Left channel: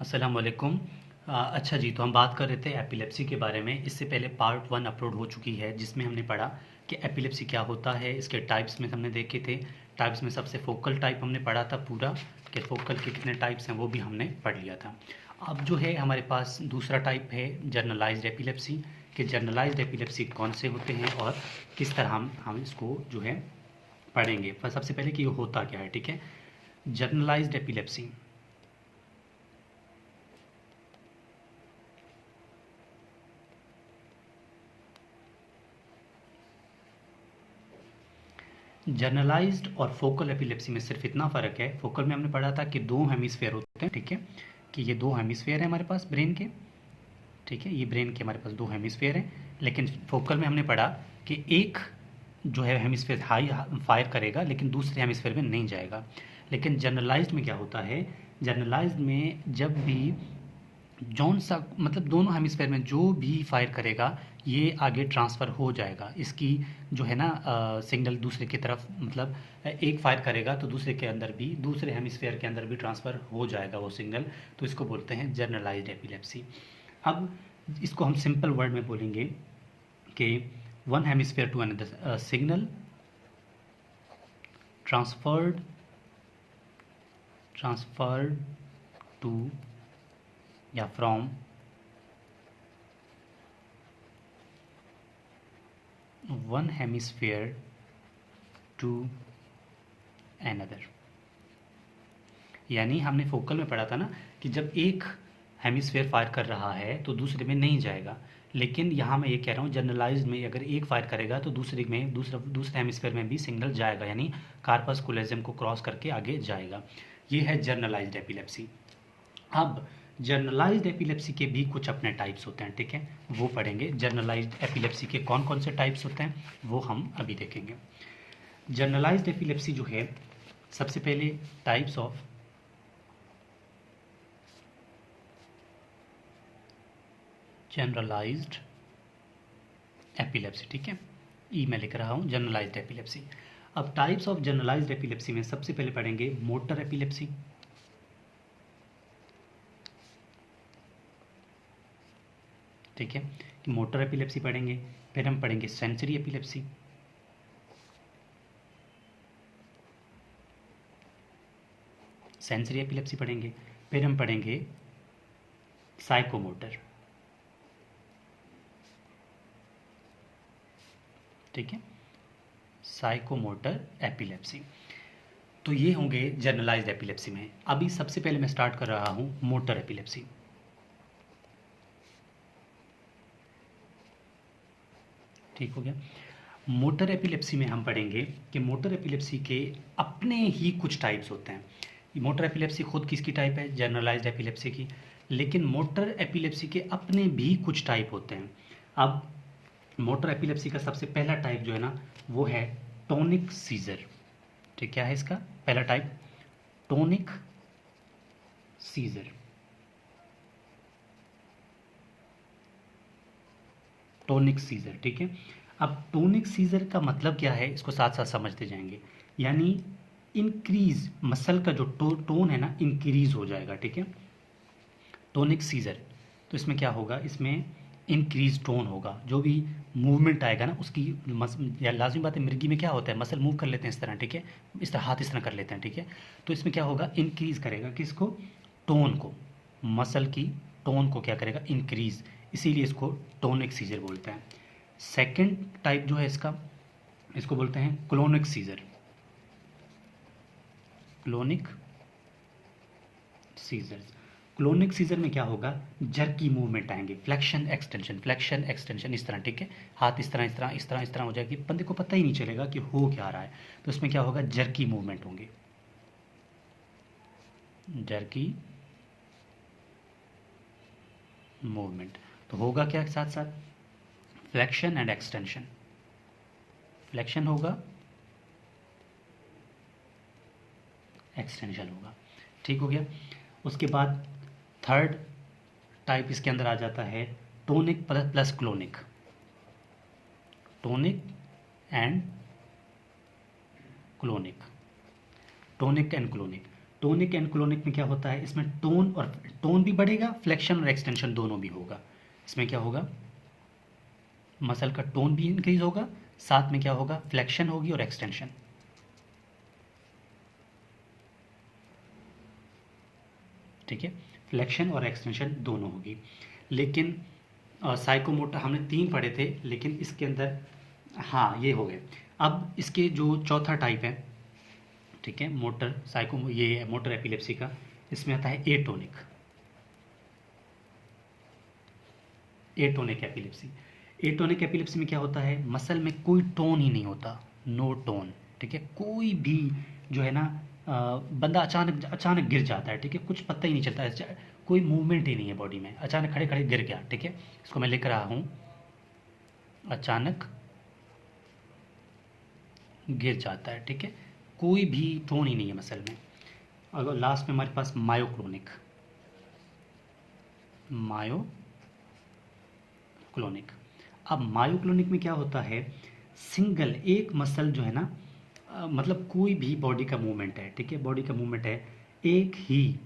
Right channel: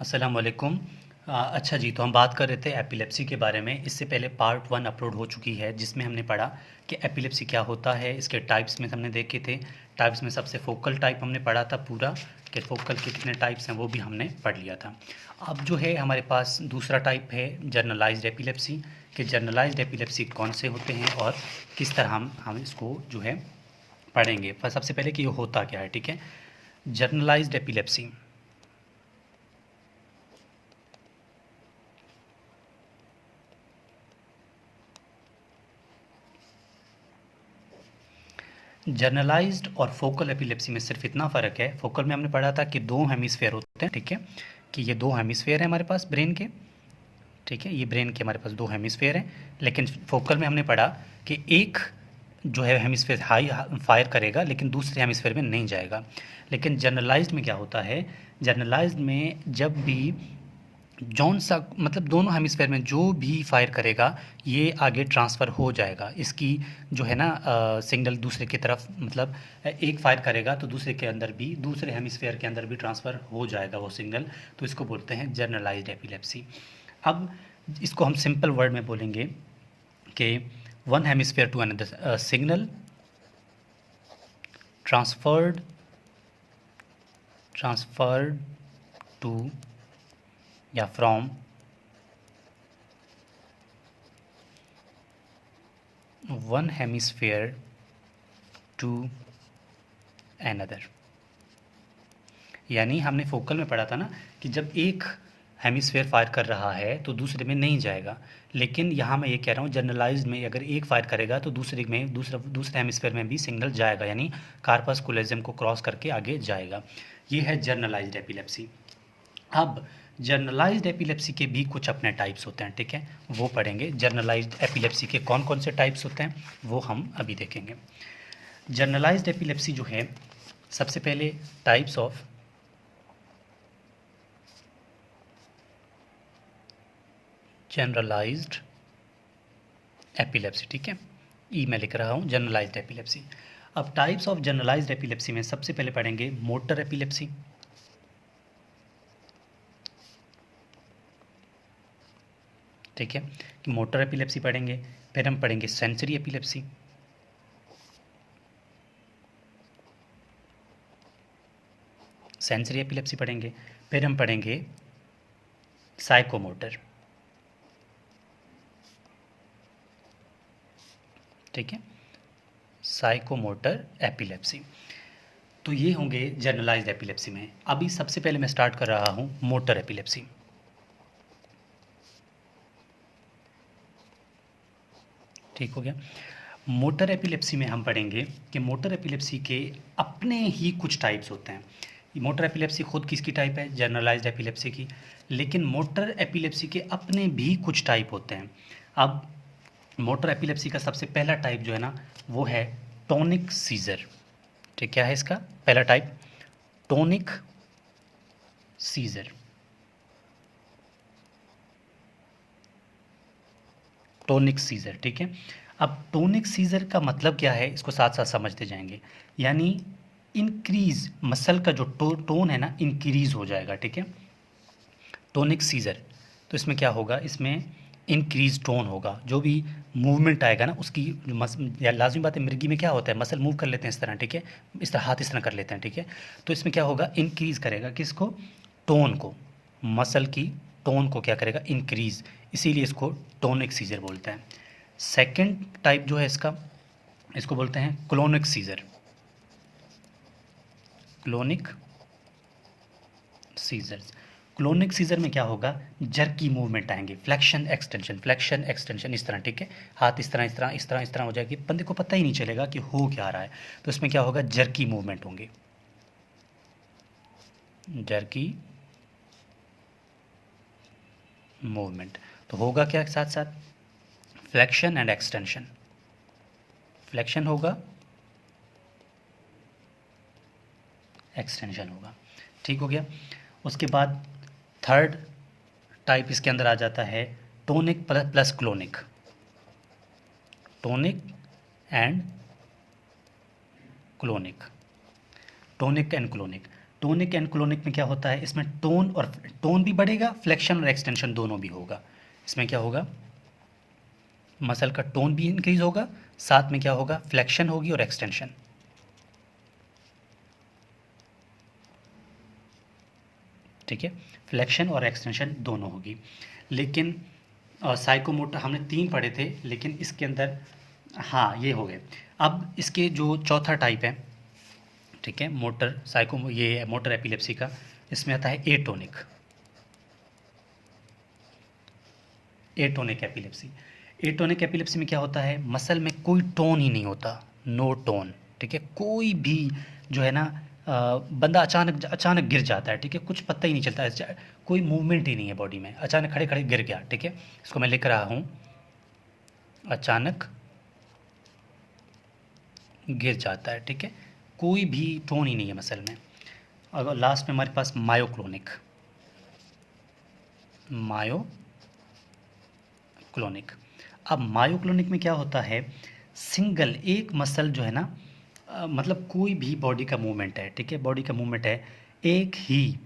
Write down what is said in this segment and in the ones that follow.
अस्सलाम वालेकुम। अच्छा जी, तो हम बात कर रहे थे एपिलेप्सी के बारे में। इससे पहले पार्ट वन अपलोड हो चुकी है जिसमें हमने पढ़ा कि एपिलेप्सी क्या होता है, इसके टाइप्स में हमने देखे थे। टाइप्स में सबसे फोकल टाइप हमने पढ़ा था पूरा, कि फोकल के कितने टाइप्स हैं वो भी हमने पढ़ लिया था। अब जो है हमारे पास दूसरा टाइप है जर्नलाइज्ड एपिलेप्सी, कि जर्नलाइज्ड एपिलेप्सी कौन से होते हैं और किस तरह हम इसको जो है पढ़ेंगे। पर सबसे पहले कि ये होता क्या है, ठीक है। जर्नलाइज्ड एपिलेप्सी, जर्नलाइज्ड और फोकल एपिलेप्सी में सिर्फ इतना फ़र्क है। फोकल में हमने पढ़ा था कि दो हेमिस्फेयर होते हैं, ठीक है, कि ये दो हेमिस्फेयर हैं हमारे पास ब्रेन के, ठीक है, ये ब्रेन के हमारे पास दो हेमिस्फेयर हैं। लेकिन फोकल में हमने पढ़ा कि एक जो है हेमिस्फेयर हाई फायर करेगा लेकिन दूसरे हेमिस्फेयर में नहीं जाएगा। लेकिन जर्नलाइज्ड में क्या होता है, जर्नलाइज्ड में जब भी जौन सा मतलब दोनों हेमिस्फेयर में जो भी फायर करेगा ये आगे ट्रांसफ़र हो जाएगा। इसकी जो है ना सिग्नल दूसरे की तरफ, मतलब एक फायर करेगा तो दूसरे के अंदर भी, दूसरे हेमिस्फेयर के अंदर भी ट्रांसफ़र हो जाएगा वो सिग्नल। तो इसको बोलते हैं जर्नलाइज्ड एपिलेप्सी। अब इसको हम सिंपल वर्ड में बोलेंगे कि one hemisphere to another signal transferred transferred to या from one hemisphere to another. यानी हमने फोकल में पढ़ा था ना कि जब एक हेमिस्फेयर फायर कर रहा है तो दूसरे में नहीं जाएगा। लेकिन यहाँ मैं ये कह रहा हूँ जनरलाइज्ड में अगर एक फायर करेगा तो दूसरे हेमिस्फेयर में भी सिग्नल जाएगा, यानी कार्पस कोलोजियम को क्रॉस करके आगे जाएगा। ये है जर्नलाइज्ड एपिलेप्सी। अब जर्नलाइज्ड एपिलेप्सी के भी कुछ अपने टाइप्स होते हैं, ठीक है, वो पढ़ेंगे। जर्नलाइज्ड एपिलेप्सी के कौन कौन से टाइप्स होते हैं वो हम अभी देखेंगे। जर्नलाइज्ड एपिलेप्सी जो है, सबसे पहले टाइप्स ऑफ जनरलाइज्ड एपिलेप्सी, ठीक है, ई मैं लिख रहा हूँ जनरलाइज्ड एपिलेप्सी। अब टाइप्स ऑफ जनरलाइज्ड एपिलेप्सी में सबसे पहले पढ़ेंगे मोटर एपिलेप्सी, ठीक है, कि मोटर एपिलेप्सी पढ़ेंगे। फिर हम पढ़ेंगे सेंसरी एपिलेप्सी, सेंसरी एपिलेप्सी पढ़ेंगे। फिर हम पढ़ेंगे साइकोमोटर, ठीक है, साइकोमोटर एपिलेप्सी। तो ये होंगे जनरलाइज्ड एपिलेप्सी में। अभी सबसे पहले मैं स्टार्ट कर रहा हूँ मोटर एपिलेप्सी। ठीक हो गया। मोटर एपिलेप्सी में हम पढ़ेंगे कि मोटर एपिलेप्सी के अपने ही कुछ टाइप्स होते हैं। मोटर एपिलेप्सी खुद किसकी टाइप है, जनरलाइज्ड एपिलेप्सी की, लेकिन मोटर एपिलेप्सी के अपने भी कुछ टाइप होते हैं। अब मोटर एपिलेप्सी का सबसे पहला टाइप जो है ना वो है टोनिक सीजर। ठीक, क्या है इसका पहला type, tonic seizure. Tonic seizure, ठीक है। अब टोनिक सीजर का मतलब क्या है इसको साथ साथ समझते जाएंगे। यानी इंक्रीज मसल का जो टोन है ना इंक्रीज हो जाएगा, ठीक है, टोनिक सीजर। तो इसमें क्या होगा, इसमें इंक्रीज टोन होगा, जो भी मूवमेंट आएगा ना उसकी या लाजमी बात है, मिर्गी में क्या होता है मसल मूव कर लेते हैं इस तरह, ठीक है, इस तरह हाथ इस तरह कर लेते हैं, ठीक है। तो इसमें क्या होगा, इंक्रीज करेगा किसको, टोन को, मसल की टोन को क्या करेगा, इंक्रीज, इसीलिए इसको टोनिक सीजर बोलते हैं। सेकंड टाइप जो है इसका, इसको बोलते हैं clonic seizure, clonic seizures. Clonic seizure में क्या होगा, जर्की मूवमेंट आएंगे, फ्लेक्शन एक्सटेंशन, फ्लेक्शन एक्सटेंशन इस तरह, ठीक है, हाथ इस तरह इस तरह इस तरह इस तरह हो जाएगी, बंदे को पता ही नहीं चलेगा कि हो क्या रहा है। तो इसमें क्या होगा, जर्की मूवमेंट होंगे, जर्की मूवमेंट। तो होगा क्या साथ साथ, फ्लेक्शन एंड एक्सटेंशन, फ्लेक्शन होगा, एक्सटेंशन होगा, ठीक हो गया। उसके बाद थर्ड टाइप इसके अंदर आ जाता है tonic plus clonic, tonic and clonic, tonic and clonic. Tonic and clonic में क्या होता है, इसमें टोन भी बढ़ेगा, फ्लेक्शन और एक्सटेंशन दोनों भी होगा। इसमें क्या होगा, मसल का टोन भी इंक्रीज होगा, साथ में क्या होगा, फ्लेक्शन होगी और एक्सटेंशन। ठीक है, फ्लेक्शन और एक्सटेंशन दोनों होगी। लेकिन साइकोमोटर हमने 3 पढ़े थे, लेकिन इसके अंदर हाँ ये हो गए। अब इसके जो चौथा टाइप है, ठीक है, ये मोटर एपिलेप्सी का, इसमें आता है एटोनिक एपिलेप्सी। एटोनिक एपिलेप्सी में क्या होता है, मसल में कोई टोन ही नहीं होता, नो टोन। ठीक है, कोई भी जो है ना बंदा अचानक अचानक गिर जाता है। ठीक है, कुछ पता ही नहीं चलता है, कोई मूवमेंट ही नहीं है बॉडी में, अचानक खड़े खड़े गिर गया। ठीक है, इसको मैं लिख रहा हूँ, अचानक गिर जाता है। ठीक है, कोई भी टोन ही नहीं है मसल में। अगर लास्ट में हमारे पास मायोक्लोनिक अब मायोक्लोनिक में क्या होता है, सिंगल एक मसल जो है ना, मतलब कोई भी बॉडी का मूवमेंट है, ठीक है, बॉडी का मूवमेंट है, एक ही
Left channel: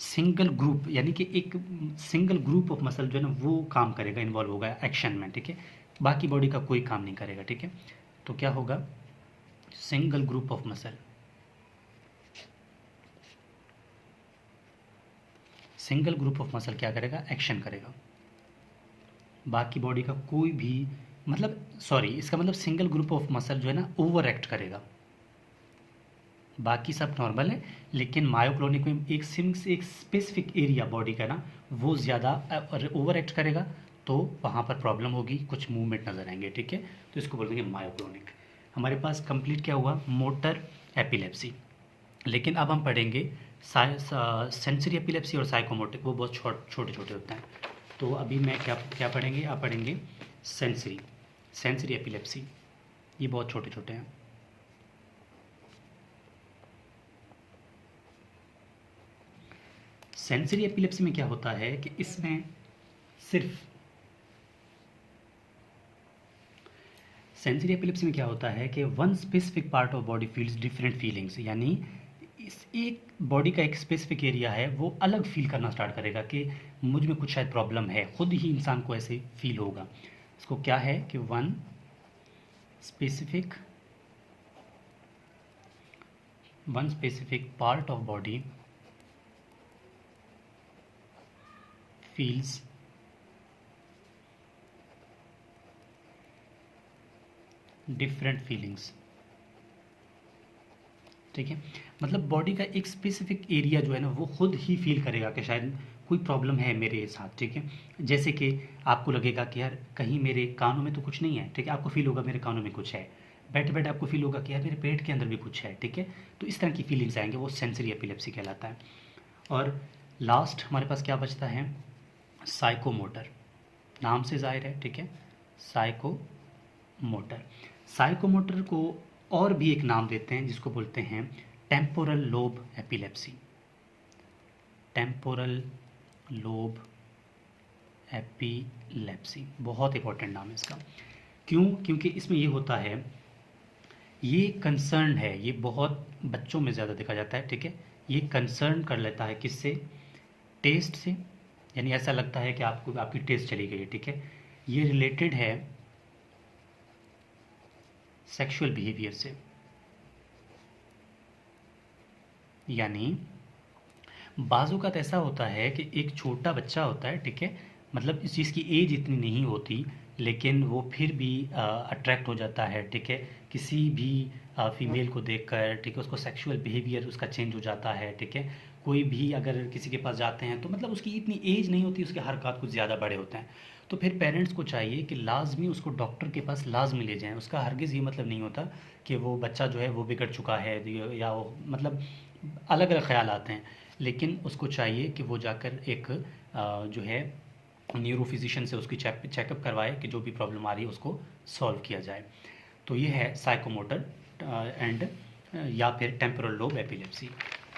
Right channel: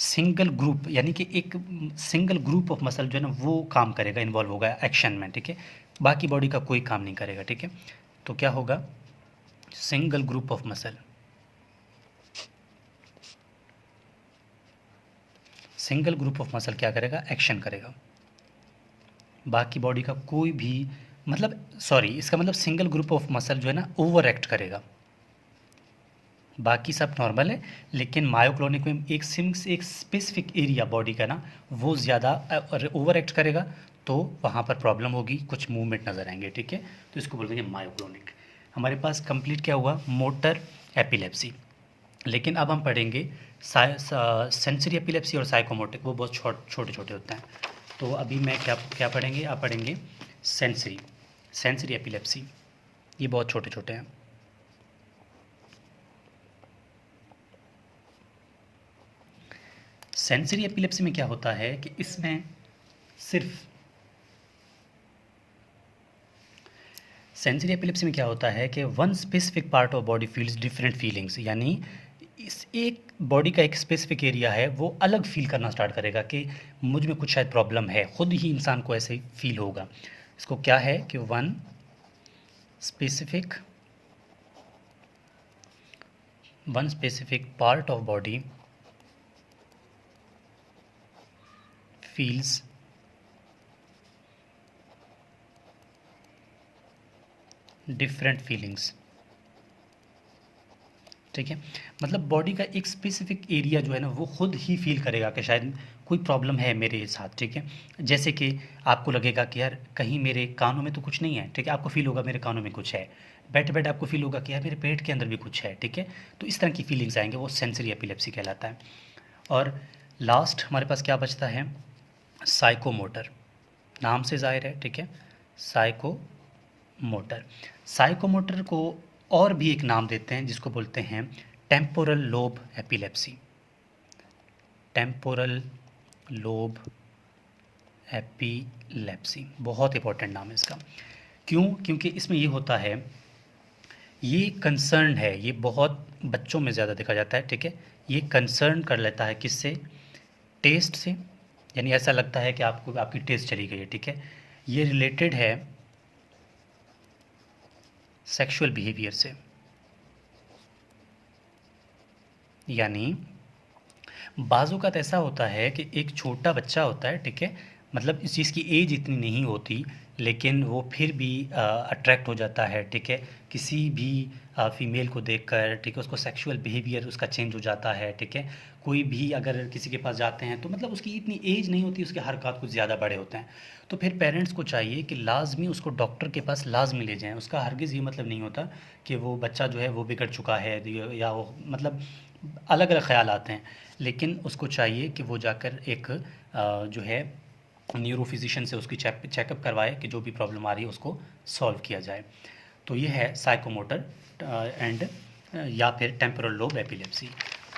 सिंगल ग्रुप, यानी कि एक सिंगल ग्रुप ऑफ मसल जो है ना वो काम करेगा, इन्वॉल्व होगा एक्शन में। ठीक है, बाकी बॉडी का कोई काम नहीं करेगा। ठीक है, तो क्या होगा, single group of muscle, single group of muscle क्या करेगा, एक्शन करेगा, बाकी बॉडी का कोई भी इसका मतलब सिंगल ग्रुप ऑफ मसल जो है ना ओवर एक्ट करेगा, बाकी सब नॉर्मल है। लेकिन मायोक्लोनिक में एक स्पेसिफिक एरिया बॉडी का ना वो ज़्यादा ओवर एक्ट करेगा, तो वहाँ पर प्रॉब्लम होगी, कुछ मूवमेंट नज़र आएंगे। ठीक है, तो इसको बोल देंगे मायोक्लोनिक। हमारे पास कंप्लीट क्या हुआ, मोटर एपिलेप्सी। लेकिन अब हम पढ़ेंगे सेंसरी एपिलेप्सी और साइकोमोटिक, वो बहुत छोटे छोटे होते हैं। तो अभी मैं क्या पढ़ेंगे, आप पढ़ेंगे सेंसरी एपिलेप्सी, ये बहुत छोटे छोटे हैं। सेंसरी एपिलेप्सी में क्या होता है कि इसमें सिर्फ सेंसरी एपिलेप्सी में क्या होता है कि one specific part of body feels different feelings, यानी इस एक बॉडी का एक स्पेसिफिक एरिया है वो अलग फील करना स्टार्ट करेगा कि मुझ में कुछ शायद प्रॉब्लम है, खुद ही इंसान को ऐसे फील होगा। इसको क्या है कि one specific part of body feels different feelings. ठीक है, मतलब बॉडी का एक स्पेसिफिक एरिया जो है ना वो खुद ही फील करेगा कि शायद कोई प्रॉब्लम है मेरे साथ। ठीक है, जैसे कि आपको लगेगा कि यार कहीं मेरे कानों में तो कुछ नहीं है। ठीक है, आपको फील होगा मेरे कानों में कुछ है, बैठे बैठे आपको फील होगा कि यार मेरे पेट के अंदर भी कुछ है। ठीक है, तो इस तरह की फीलिंग्स आएंगे, वो सेंसरी एपिलेप्सी कहलाता है। और लास्ट हमारे पास क्या बचता है, साइकोमोटर, नाम से ज़ाहिर है। ठीक है, साइकोमोटर को और भी एक नाम देते हैं जिसको बोलते हैं टेम्पोरल लोब एपिलेप्सी। बहुत इंपॉर्टेंट नाम है इसका। क्यों, क्योंकि इसमें ये होता है, ये कंसर्न है, ये बहुत बच्चों में ज़्यादा देखा जाता है। ठीक है, ये कंसर्न कर लेता है किससे, टेस्ट से, यानी ऐसा लगता है कि आपकी टेस्ट चली गई है। ठीक है, ये रिलेटेड है सेक्सुअल बिहेवियर से, यानी बाज़ों का ऐसा होता है कि एक छोटा बच्चा होता है। ठीक है, मतलब इस चीज़ की एज इतनी नहीं होती, लेकिन वो फिर भी अट्रैक्ट हो जाता है। ठीक है, किसी भी फीमेल को देखकर। ठीक है, उसको सेक्सुअल बिहेवियर उसका चेंज हो जाता है। ठीक है, कोई भी अगर किसी के पास जाते हैं तो मतलब उसकी इतनी एज नहीं होती, उसके हरकत कुछ ज़्यादा बड़े होते हैं। तो फिर पेरेंट्स को चाहिए कि लाजमी उसको डॉक्टर के पास लाजमी ले जाएं। उसका हरगिज़ ये मतलब नहीं होता कि वो बच्चा जो है वो बिगड़ चुका है, या वो मतलब अलग अलग ख्याल आते हैं, लेकिन उसको चाहिए कि वो जाकर एक जो है न्यूरो फिजिशियन से उसकी चेकअप करवाए कि जो भी प्रॉब्लम आ रही है उसको सॉल्व किया जाए। तो ये है साइकोमोटर एंड या फिर टेम्पोरल लोब एपिलेप्सी।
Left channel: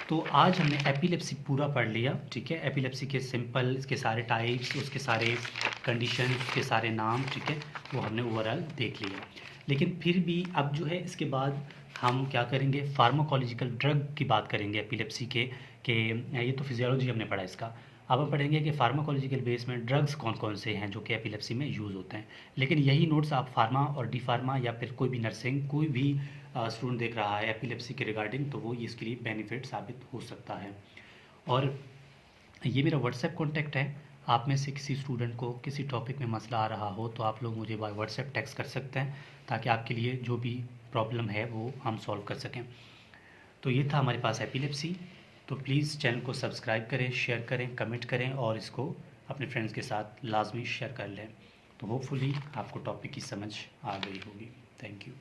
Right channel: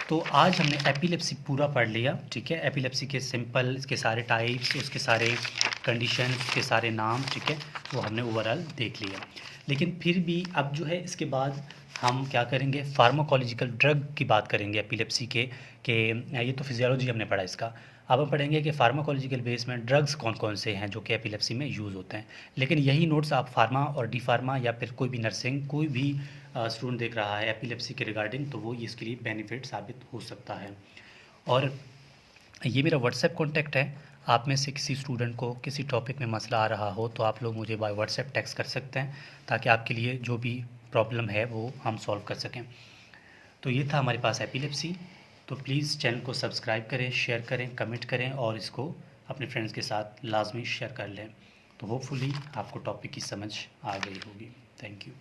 तो आज हमने एपिलेप्सी पूरा पढ़ लिया। ठीक है, एपिलेप्सी के सिंपल, इसके सारे टाइप्स, उसके सारे कंडीशन, उसके सारे नाम, ठीक है, वो हमने ओवरऑल देख लिया। लेकिन फिर भी अब जो है इसके बाद हम क्या करेंगे, फार्माकोलॉजिकल ड्रग की बात करेंगे एपिलेप्सी के ये तो फिजियोलॉजी हमने पढ़ा इसका। अब हम पढ़ेंगे कि फार्माकोलॉजिकल बेस में ड्रग्स कौन कौन से हैं जो कि एपिलेप्सी में यूज़ होते हैं। लेकिन यही नोट्स आप फार्मा और डी फार्मा या फिर कोई भी नर्सिंग, कोई भी स्टूडेंट देख रहा है एपिलेप्सी के रिगार्डिंग, तो वो इसके लिए बेनिफिट साबित हो सकता है। और ये मेरा व्हाट्सएप कॉन्टैक्ट है। आप में से किसी स्टूडेंट को किसी टॉपिक में मसला आ रहा हो तो आप लोग मुझे बाय व्हाट्सएप टेक्स्ट कर सकते हैं, ताकि आपके लिए जो भी प्रॉब्लम है वो हम सॉल्व कर सकें। तो ये था हमारे पास एपिलेप्सी। तो प्लीज़ चैनल को सब्सक्राइब करें, शेयर करें, कमेंट करें और इसको अपने फ्रेंड्स के साथ लाजमी शेयर कर लें। तो होपफुली आपको टॉपिक की समझ आ गई होगी। Thank you.